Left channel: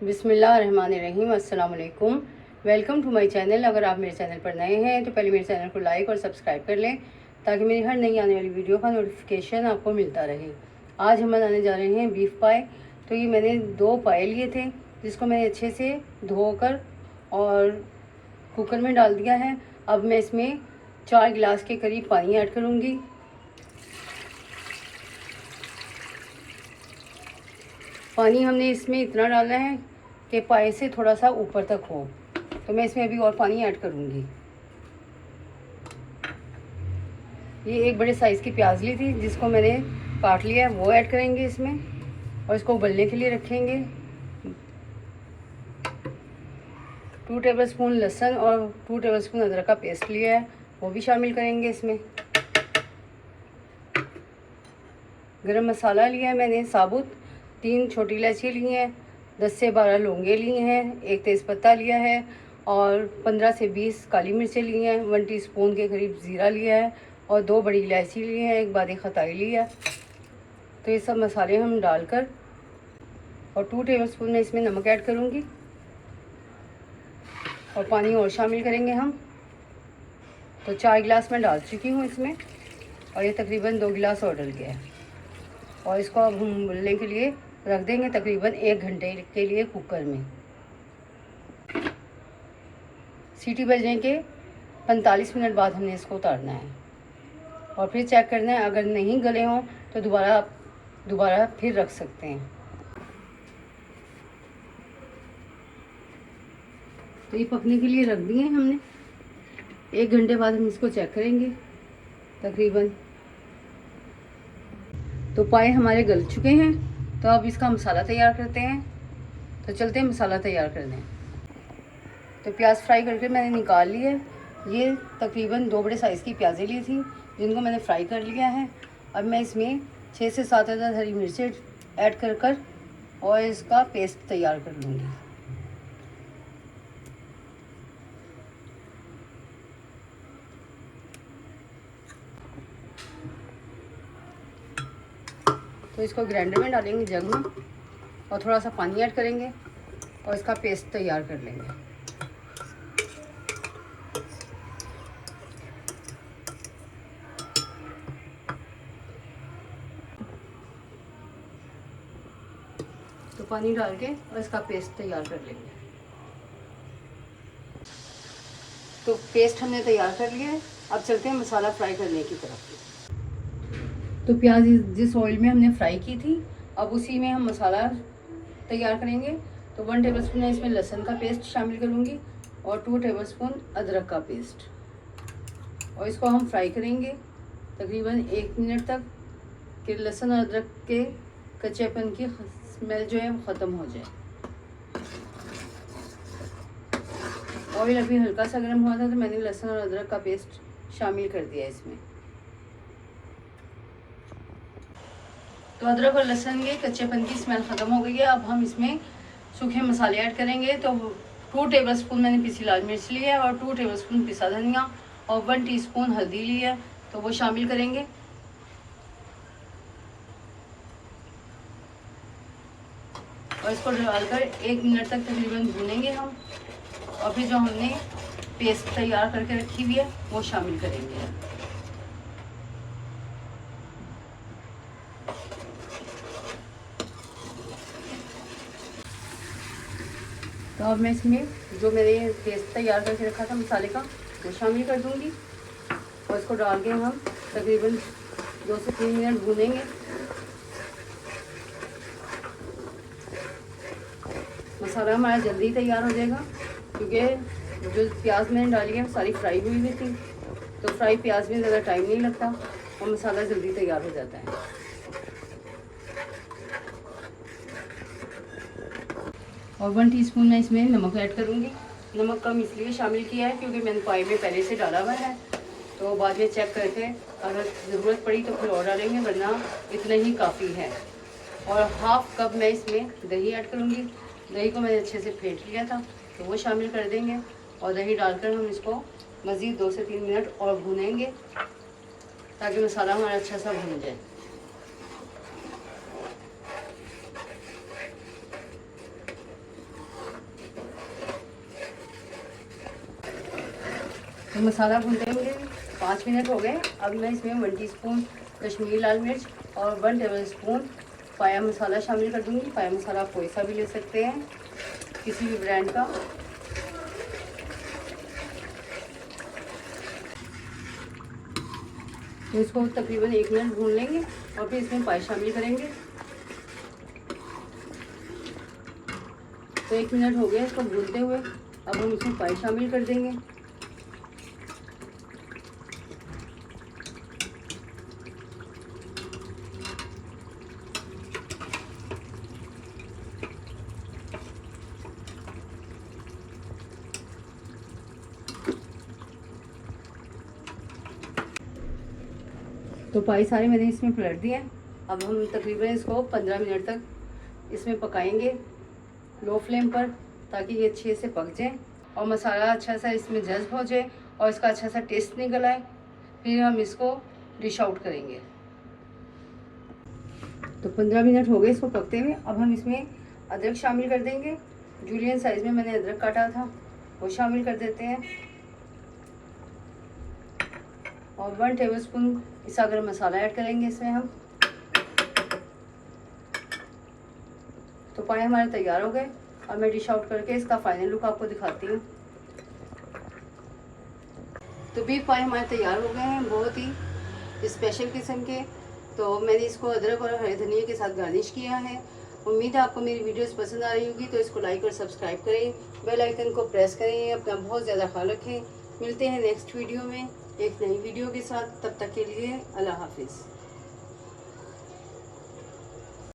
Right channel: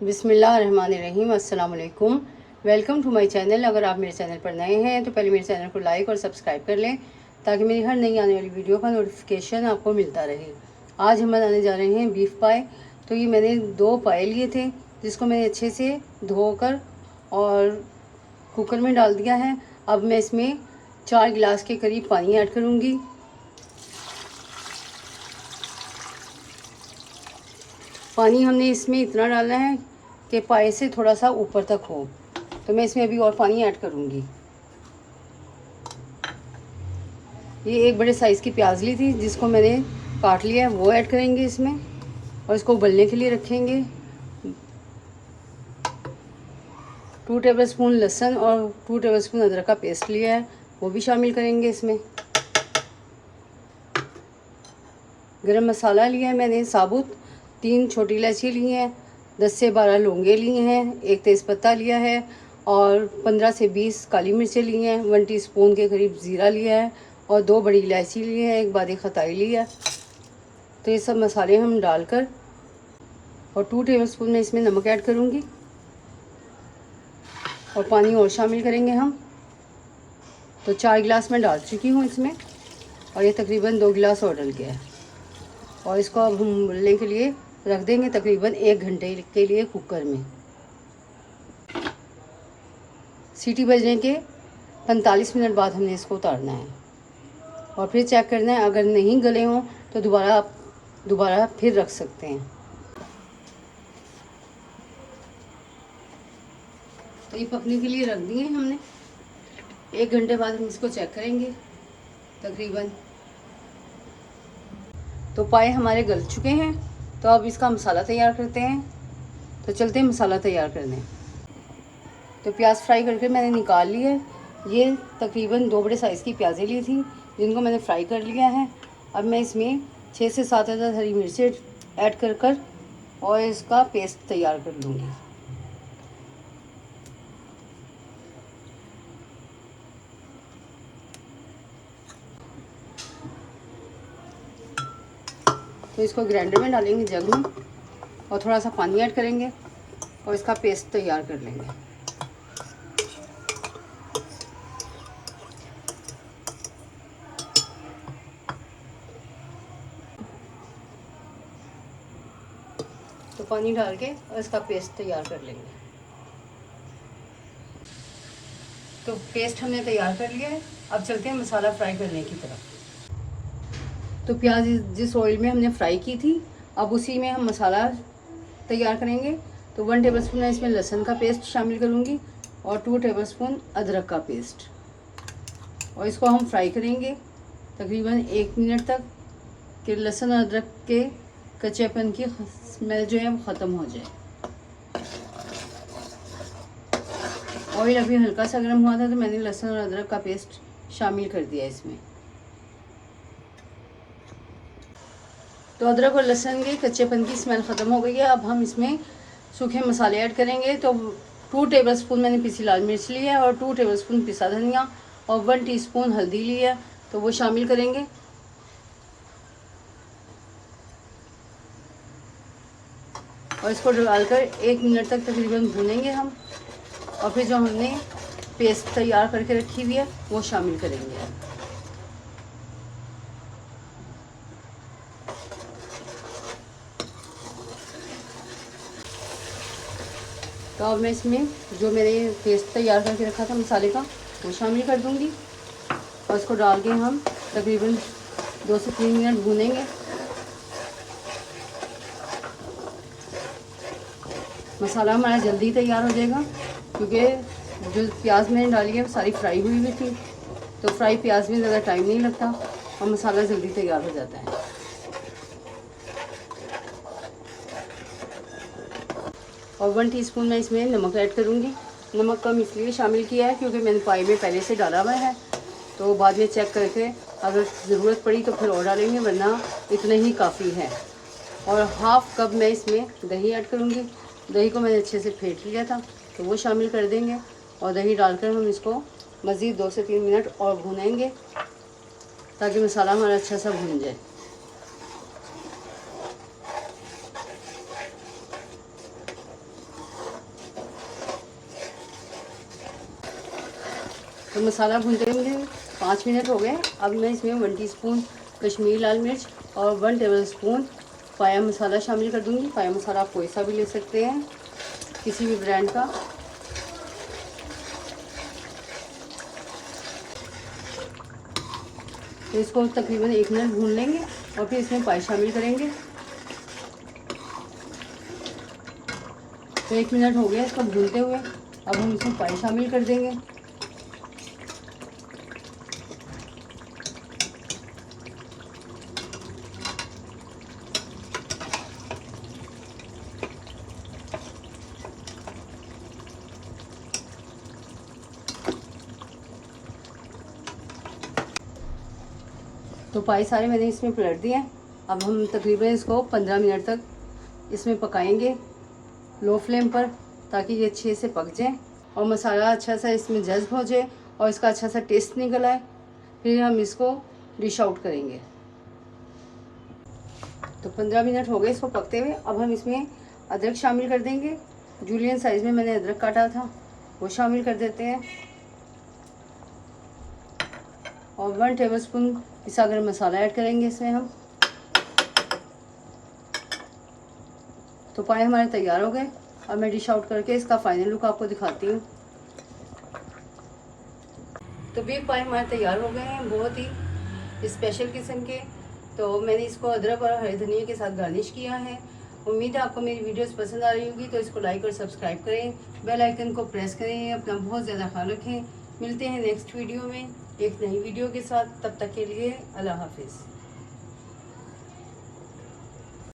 बिस्मिल्लाहिर्रहमानिर्रहीम, अस्सलाम वालेकुम। Welcome to my channel. अगर आप मेरे चैनल पर नए हैं तो पहले मेरे चैनल को लाइक और सब्सक्राइब कर लें ताकि मेरी हर नई आने वाली वीडियो का नोटिफिकेशन आपको मिलता रहे। आज हम बनाने जा रहे हैं बीफ पाए। तो ये मैंने 2 पाए लिए थे जिसको मैंने अच्छे से धोकर और कुकर में डाल दिया है। अब मैं इसमें 4 गिलास के करीब पानी ऐड करूँगी। पानी हमने इसमें इतना डालना है कि पाए से थोड़ा सा ऊपर तक हो। तो मैं इसमें अभी और पानी ऐड करूँगी। ये एक बड़े साइज़ की प्याज ली थी जिसको मैंने काट लिया है, वो ऐड करेंगे इसमें और इसको उबलने के लिए रखेंगे। 2 टेबलस्पून लहसुन और 2 टेबलस्पून अदरक का पेस्ट लिया है, वो भी शामिल करेंगे इसमें। गरम मसाला लिया है मैंने साबुत, 3 छोटी इलायची ली हैं, 10 से 12 लौंगे लिए हैं, 1 तेज़पत्ता लिया है और 15 से 20 काली मिर्चें ली हैं, 1 टीस्पून के करीब ज़ीरा लिया है और 2 बड़ी इलायची ली है, 1 बारीक खटाई लिया। तो ये सब मसाले हम डालकर और 2 टेबलस्पून में इसमें नमक ऐड करूँगी और पानी और शामिल करेंगे हम। तो 4 गिलास मैं डाल चुकी हूँ इसमें और ये तकरीबन 2 गिलास और डल गया है। और इसको अब हम उबलने के लिए रख देंगे तकरीबन 1 घंटे के लिए कुकर में। सीटी बजने के 45 मिनट बाद हमने इसको उतारना है और फिर चेक करना है। अगर नहीं गले हों तो दोबारा फिर रख सकते हैं। तो ये पकने के लिए रख दिए हमने। 1 घंटे बाद हम इसको चेक करेंगे तकरीबन। तो पाए हमारे गल चुके हैं, तो अब इसका मसाला तैयार करते हैं। तो चलते हैं मसाला तैयार करने। तो प्याज फ्राई करके मैंने निकाल लिया है। ये तकरीबन 2 बड़े साइज़ की प्याज़ें ली थी जिनको मैंने फ्राई कर लिया है। अब मैं इसमें 6 से 7 अदद हरी मिर्चें ऐड कर और इसका पेस्ट तैयार कर लूँगी। तो इसको ग्राइंडर में डालेंगे जग में और थोड़ा सा पानी ऐड करेंगे और इसका पेस्ट तैयार कर लेंगे। तो पानी डाल के और इसका पेस्ट तैयार कर लेंगे। तो पेस्ट हमने तैयार कर लिया है। अब चलते हैं मसाला फ्राई करने की तरफ। तो प्याज जिस ऑयल में हमने फ्राई की थी अब उसी में हम मसाला तैयार करेंगे। तो 1 टेबलस्पून इसमें लहसुन का पेस्ट शामिल करूँगी और 2 टेबलस्पून अदरक का पेस्ट और इसको हम फ्राई करेंगे तकरीबन 1 मिनट तक कि लहसुन और अदरक के कच्चेपन की स्मेल जो है वो ख़त्म हो जाए। ऑयल अभी हल्का सा गर्म हुआ था तो मैंने लहसुन और अदरक का पेस्ट शामिल कर दिया इसमें। तो अदरक और लहसुन के कच्चेपन की स्मेल ख़त्म हो गई है। अब हम इसमें सूखे मसाले ऐड करेंगे। तो 2 टेबलस्पून मैंने पिसी लाल मिर्च ली है और 2 टेबलस्पून पिसा धनिया और 1 टीस्पून हल्दी ली है, तो वो शामिल करेंगे। और इसको डालकर 1 मिनट तक तकरीबन भूनेंगे हम और फिर जो हमने पेस्ट तैयार करके रखी हुई है वो शामिल करेंगे। तो अब मैं इसमें जो मैंने पेस्ट तैयार करके रखा था मसाले का वो शामिल कर दूंगी और इसको डाल के हम तकरीबन 2 से 3 मिनट भूनेंगे। मसाला हमारा जल्दी तैयार हो जाएगा क्योंकि जो प्याज मैंने डाली है वो सारी फ्राई हुई थी। तो फ्राई प्याज में ज़्यादा टाइम नहीं लगता और मसाला जल्दी तैयार हो जाता है। और 1 टीस्पून मैं इसमें नमक ऐड करूँगी। नमक कम इसलिए शामिल किया है क्योंकि मैंने पाई में पहले से डाला हुआ है, तो बाद में चेक करके अगर ज़रूरत पड़ी तो फिर और डालेंगे, वरना इतना ही काफ़ी है। और हाफ़ कप मैं इसमें दही ऐड करूँगी। दही को मैंने अच्छे से फेंट लिया था तो वो शामिल कर देंगे और दही डालकर हम इसको मज़ीद 2 से 3 मिनट और भूनेंगे ताकि मसाला हमारा अच्छा सा भून जाए। तो मसाला भूनते हुए 5 मिनट हो गए। अब मैं इसमें 1 टीस्पून कश्मीरी लाल मिर्च और 1 टेबलस्पून पाया मसाला शामिल कर दूँगी। पाया मसाला आप कोई सा भी ले सकते हैं, किसी भी ब्रांड का। तो इसको तकरीबन 1 मिनट भून लेंगे और फिर इसमें पाया शामिल करेंगे। तो 1 मिनट हो गया इसको भूनते हुए। अब हम इसमें पानी शामिल कर देंगे। तो पाई सारे मैंने इसमें पलट दिए। अब हम तकरीबन इसको 15 मिनट तक इसमें पकाएंगे लो फ्लेम पर, ताकि ये अच्छे से पक जाए और मसाला अच्छा सा इसमें जज्ब हो जाए और इसका अच्छा सा टेस्ट निकल आए। फिर हम इसको डिश आउट करेंगे। तो 15 मिनट हो गए इसको पकते हुए। अब हम इसमें अदरक शामिल कर देंगे। जूलियन साइज़ में मैंने अदरक काटा था, वो शामिल कर देते हैं। और 1 टेबलस्पून पिसा गरम मसाला ऐड करेंगे इसमें हम। तो पाए हमारे तैयार हो गए। अब मैं डिश आउट करके इसका फाइनल लुक आपको दिखाती हूँ। तो बीफ पाए हमारे तैयार हो गए हैं, बहुत ही स्पेशल किस्म के। तो मैंने इसको अदरक और हरे धनिया के साथ गार्निश किया है। उम्मीद है आपको मेरी वीडियोस पसंद आ रही होगी। तो इसको लाइक और सब्सक्राइब करें, बेल आइकन को प्रेस करें। अपना बहुत ज़्यादा ख्याल रखें। मिलते हैं नेक्स्ट वीडियो में एक नई वीडियो के साथ। तब तक के लिए अल्लाह हाफिज़।